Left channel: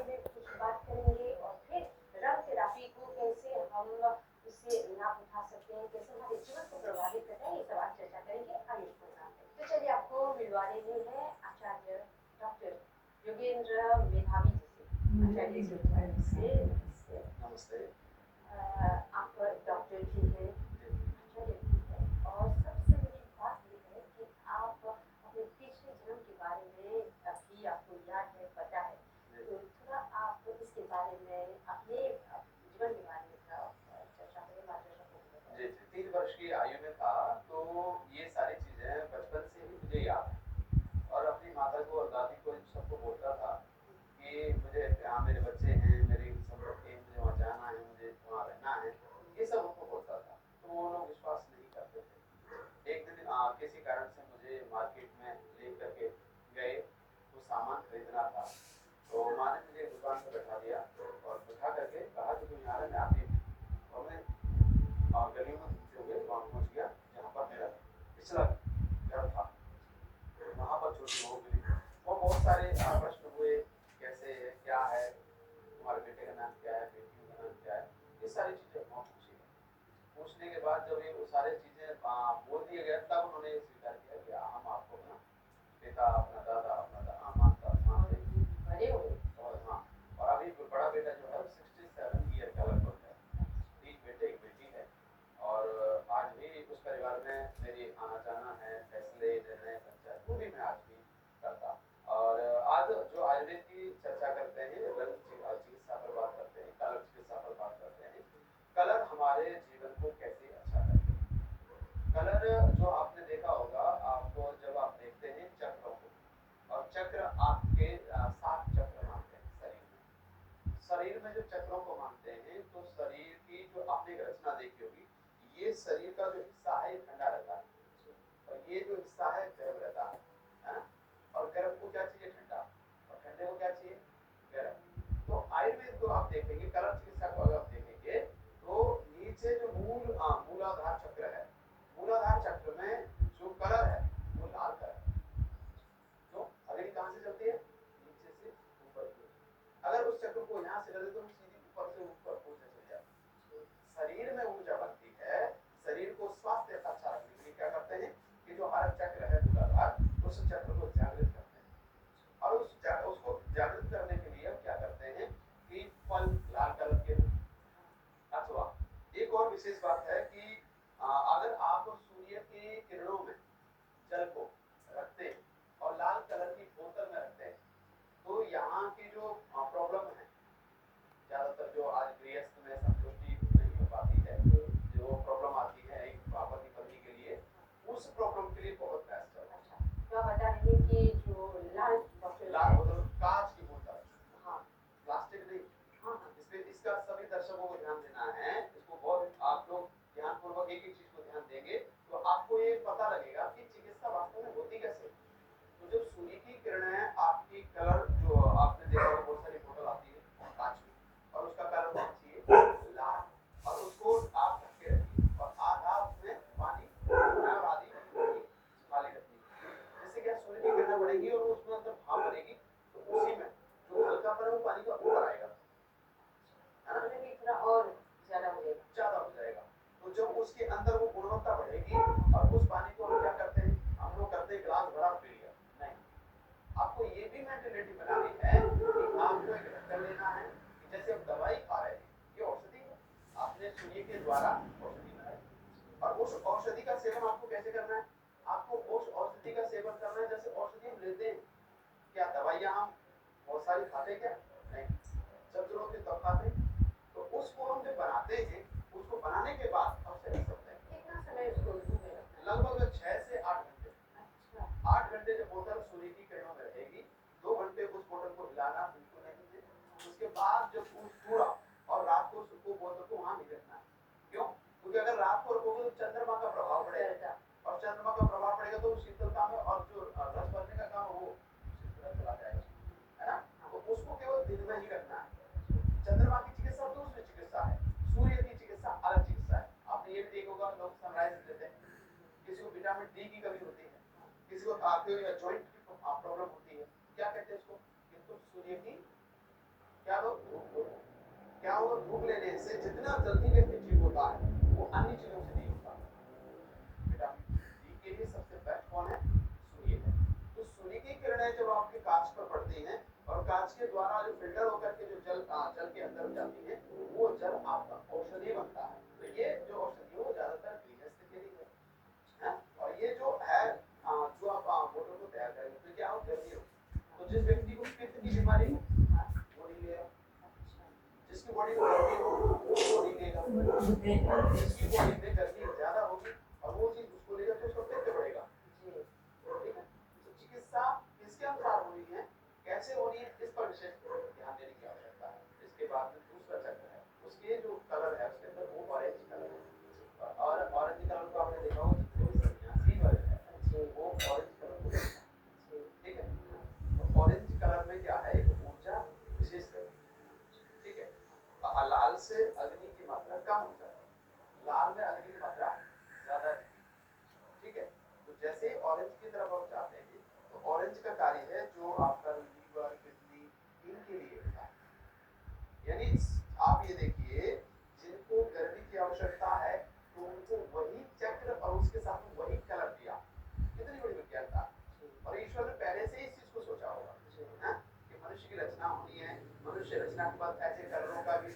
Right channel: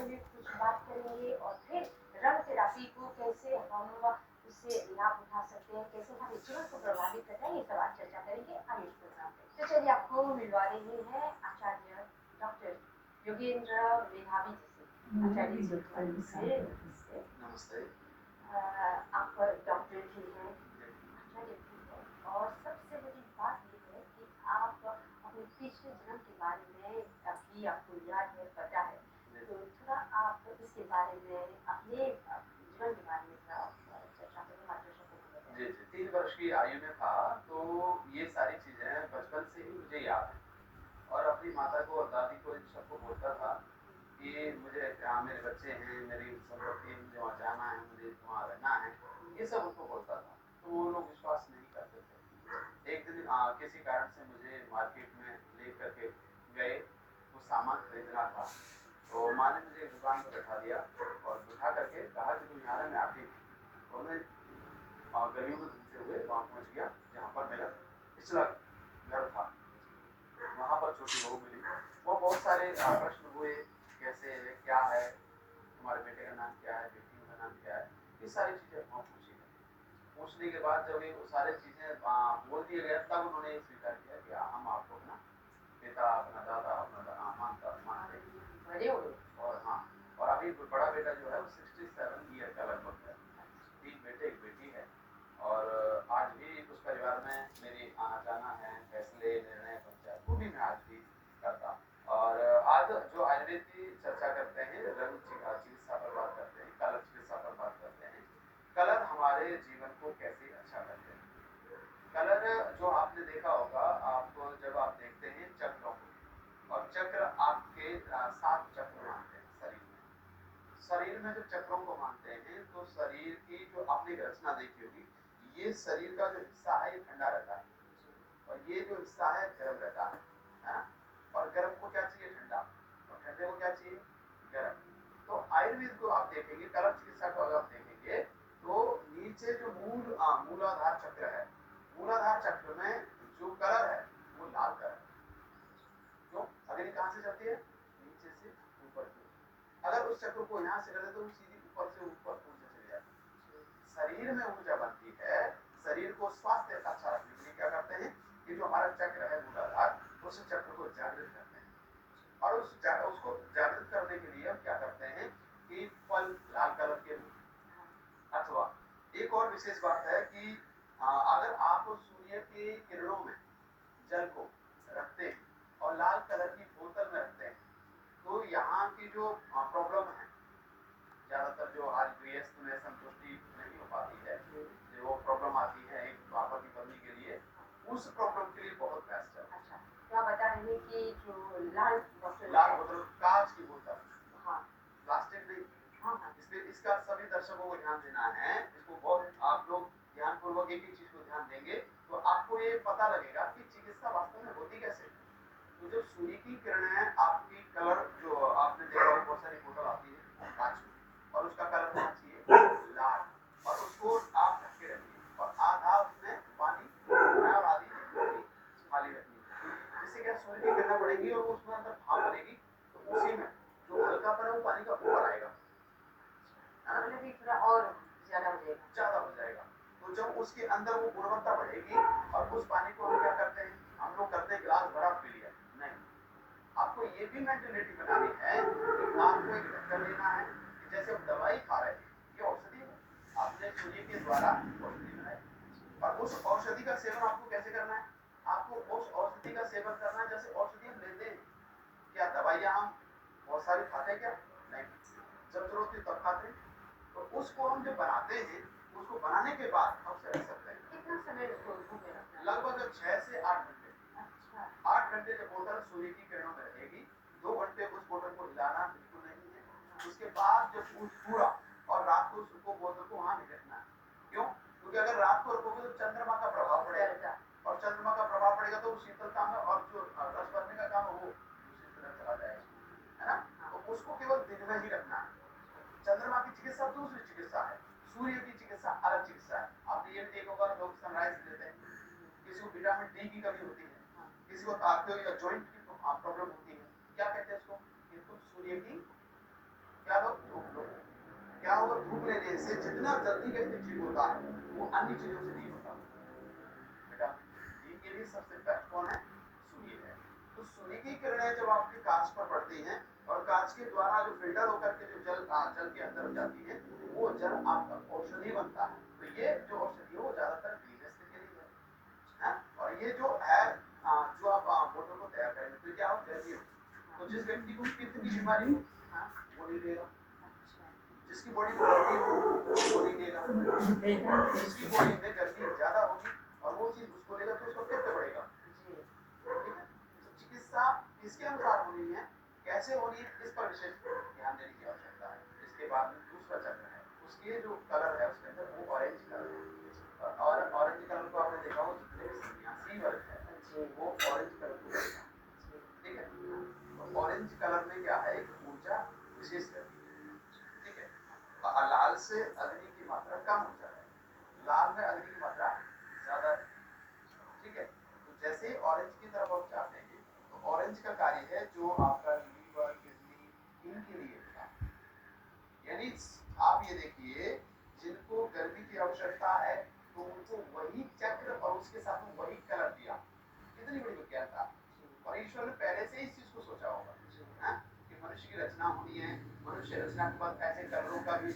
बारे में कुछ बात करेंगे और फिर रंग थेरेपी को कैसे हम इससे लाभ उठा सकते हैं, कैसे हमारे जीवन को प्रभावित करता है, ये सब आज चर्चा करेंगे आगे इस प्रोग्राम में। तो चलिए आपको मिलवा रही है आचार्य डॉक्टर योगेंद्र मेधावी जी से। आचार्य जी से नमस्ते। आप डॉक्टर भी हैं, आचार्य भी हैं, और सबसे बड़ी बात ये है कि आप अपने पिछले जन्म के बारे में भी आपको याद है, पता है, तो थोड़ा आप इसके बारे में अपने जीवन के बारे में थोड़ा चर्चा करें, मार्गदर्शन करें। जी जी, 3 वर्ष की आयु में था तो ये सारी चीजें बचपन से ही मुझे याद है और अपनी माता को और दादी को इन सबको बोलता था कि मुझे मेरे बच्चे हैं, मेरी संपत्ति, मुझे वहाँ जाना है, मुझे वहाँ रहना है, ये सब उनको बोलता था। तो वो लोग विश्वास नहीं करते थे। एक दिन किसी कारण से मुझे मार्केट में ले करके गए, वो सामान खरीदना था, तो माँ ने मुझे दुकान पर बैठा दिया और बिठा करके कहा कि तुम यहाँ मैं आती हूँ। और मैं गलियों में घूमते हुए वहाँ पहुँच गया जहाँ पर मेरा पिछला घर था। वहाँ पर छोटी बहू मिली, वो बहुत सारे प्रश्न हुए, कैसे है, क्या है, तुम्हारे बेटे का नाम क्या है, बेटियों का नाम क्या है, ये सारी चीजें वहाँ पूछी गई। पूछने के बाद जब ये वो सारी चीजें बोल दिया गया, तब उन्होंने स्वीकार किया कि हम आपको अपना पिता, अपना दादा, अपना मानते हैं। और हाँ, और अभी बड़ा बेटा जो है वो 67 ईयर का लगभग है, 3 बेटे 1 बेटी है। और आज भी उस परिवार में मेरी आना जाना है, फैसले निर्णय पंचायत वो भी मैं आज भी करता। और आज जो आयुर्वेद की चर्चा करते हैं, रंग चिकित्सा पर बात करते हैं, कलर चिकित्सा पर बात करते हैं। कलर हमारे जीवन को कैसे अच्छा करते हैं। कलर जो आपने देखा होगा, आप जब आप देखते हैं चक्रों को, और चक्र आपके 7 चक्र मानते हैं शरीर में। शरीर में जब चक्रों को मानते हैं तो शरीर की जो आपने रचना देखी होगी, ये शरीर का जो हिस्सा है ये ठंडा रहता है और ये जो हिस्सा है गर्म रहता है ना? और गर्म को क्या चाहिए? ठंडा। और ठंडे को क्या चाहिए? गर्म। तो आयुर्वेद को आप देखेंगे, कलर चिकित्सा को अगर आप देखेंगे तो नीचे जो मूलाधार चक्र है, मूलाधार चक्र में जो कलर है वो लाल कलर है। क्यों? अग्नि कहाँ से चलती है? नीचे से ऊपर की ओर। अगर उस चक्र को यहाँ से कर दे तो सीधी ऊपर से ऊपर ऊर्जा चली जाती है। शरीर में ऊर्जा बनती है। शरीर को स्वास्थ्य अच्छा रखने के लिए क्या करते हैं कि जो हमारा चक्र है मूलाधार, उस चक्र को जागृत करते हैं। और उसको जागृत करने के लिए हम क्या करते हैं कि फल लाल कलर के, अथवा एक और विशेष बात है कि अगर आप सूर्य की किरणों में जल को रखते हैं और लाल कलर की बोतल में रखते हैं तो यहाँ की जो प्रॉब्लम है, ज्यादातर जो आज गृहस्थ में संतुष्टि नहीं हो पाती है, जो वो प्रॉब्लम आती है एक पापा की पत्नी के लिए, उस प्रॉब्लम के लिए बहुत बेस्ट है। अच्छा, तो आप बता रहे हैं कि जो लाल बोतल कांच की बोतल, हाँ, प्लास्टिक नहीं। हाँ, इसमें इसका सभी दर्शकों को ध्यान देना है, इसको बहुत आप लोग ध्यान पूर्वक एक एक चीज को ध्यान देंगे तो आपको ये पता लगेगा कि चिकित्सा वास्तव में होती कैसे। तो जो सूर्य की किरण है, आपकी कलर जो आपने देखा होगा, बहुत सारी बोतल आती है कांच की और उसका कलर होना चाहिए लाल, और उसको आप ढक के रखिए और आधा उसमें पानी और आधी खाली रखनी है। जिससे क्या सूर्य की किरणें पड़ेगी और उसमें अंदर भाप बनेगी, तो उसी में जो हल्कापन है वो पानी का ऊपर आएगा, मतलब कि थोड़ा और ज्यादा हो जाएगा। तो जब उसके अंदर वो गुणवत्ता बढ़ेगी और उस पानी को हम क्या करते हैं, हम लोग करते हैं गिलास भरा पी लिया, नहीं। आपको ये भी मेंटेलिटी बनानी है कि आपको एक ढक्कन लेना है कि जैसे हम दवाई खा रहे हैं, ये औषधि है, आपने सूर्य के द्वारा औषधि बनाई, और उस औषधि का सेवन आपको कैसे करना है? आपको उस औषधि का सेवन करना है जैसे औषधि हम लेते हैं। क्या दवाइयाँ हम बहुत सारी खाते क्या? नहीं, जब जरूरत होती तब खाते हैं। तो उसको हम जो बनाते हैं, उसको बनाने के बाद हम उसे रख सकते हैं। कितना समय उसको धूप में रखना है? लगभग 6 से 8 घंटे। अच्छा, 8 घंटे जब बोतल सूर्य की किरणों में रहेगी, 2 घंटे उस बोतल को हिलाना बिल्कुल नहीं है। उसके बाद जब पूरा, और रात को उसको बोतल को वहां नहीं रखना है। क्यों? क्योंकि अगर रात को रखोगे तो चंद्रमा का प्रभाव पड़ेगा, और चंद्रमा का प्रभाव पड़ेगा तो शीतलता में और जो रस भरने का काम है वो दूसरी तरफ चला जाएगा, है ना? तो उसको केवल दिन में ही रखना है। चंद्रमा की चिकित्सा दूसरी चिकित्सा है, सूर्य की चिकित्सा अलग चिकित्सा है। आपने ये भी देखा होगा, लोग सनराइज लेते हैं, किसी को विटामिन डी की कमी होती है, किसी को आर्थिक या जॉइंट की प्रॉब्लम होती है, क्या कहते हैं उसको कि तुम सूर्य की क्या दो? धूप दो। क्या होगा? धूप लेने से जितना जल्दी व्यक्ति ठीक होता है, वो अन्य चीज़ों से नहीं होता। बेटा, नींद के लिए सबसे बेस्ट कौन है? सूर्य है। तो सूर्य की किरणें जब आपके कांच पर पड़ती हैं और कांच के द्वारा जो फिल्टर होकर के जो जल के अंदर जाती है, वो जल आपका औषधि बनता है। तो ये जो औषधि है वो ज़्यादातर गृहस्थ के लिए है। हाँ? और ये जो है जो आप मोटर को तैयार करेंगे तो क्या हो? गर्मी हो। तो जिस व्यक्ति को पित्त की बीमारी हो, वो नहीं लेगा। जिसकी बॉडी में गर्मी हो, वो नहीं लेगा। जिसकी बॉडी में गर्मी ज़्यादा होगी और वो चीज़ उसको लेगा तो उसका पित्त बढ़ेगा। ठीक है? तो चिकित्सा इसके अनुसार होनी है, कैसे होनी है इस पर विशेष ध्यान देने की आवश्यकता है। इसके बाद में दूसरा चक्र है, उसके जो कलर है उसके अंदर वो ऑरेंज कलर है और ऑरेंज कलर को आपने देखा हो जितने भी सन्यासी वर्ग है वो ऑरेंज कलर को देखा। ठीक है? तो ऑरेंज कलर में क्या है? एक ऊर्जा विशेष रहती है। ठीक है? लाल से अग्नि की मात्रा कम हो जाती है, लाल में अग्नि की मात्रा ज्यादा है। ठीक है? तो जैसे ही ऑरेंज की तरफ आप जाते हैं तो ऑरेंज का कार्य है जो आपका लीवर, किडनी इनके लिए होता है। यानी आप ये देखिए, जिनको गर्मी की आवश्यकता है तो उनको वही चक्र और उसके साथ में वही कलर दिया। कितनी बड़ी विज्ञानता! और ईश्वर ने पहले से ही इस चीज को सोचा होगा, हाँ? कि मनुष्य की रचना होनी है, मनुष्य रचना के बाद ऐसे कलरों का भी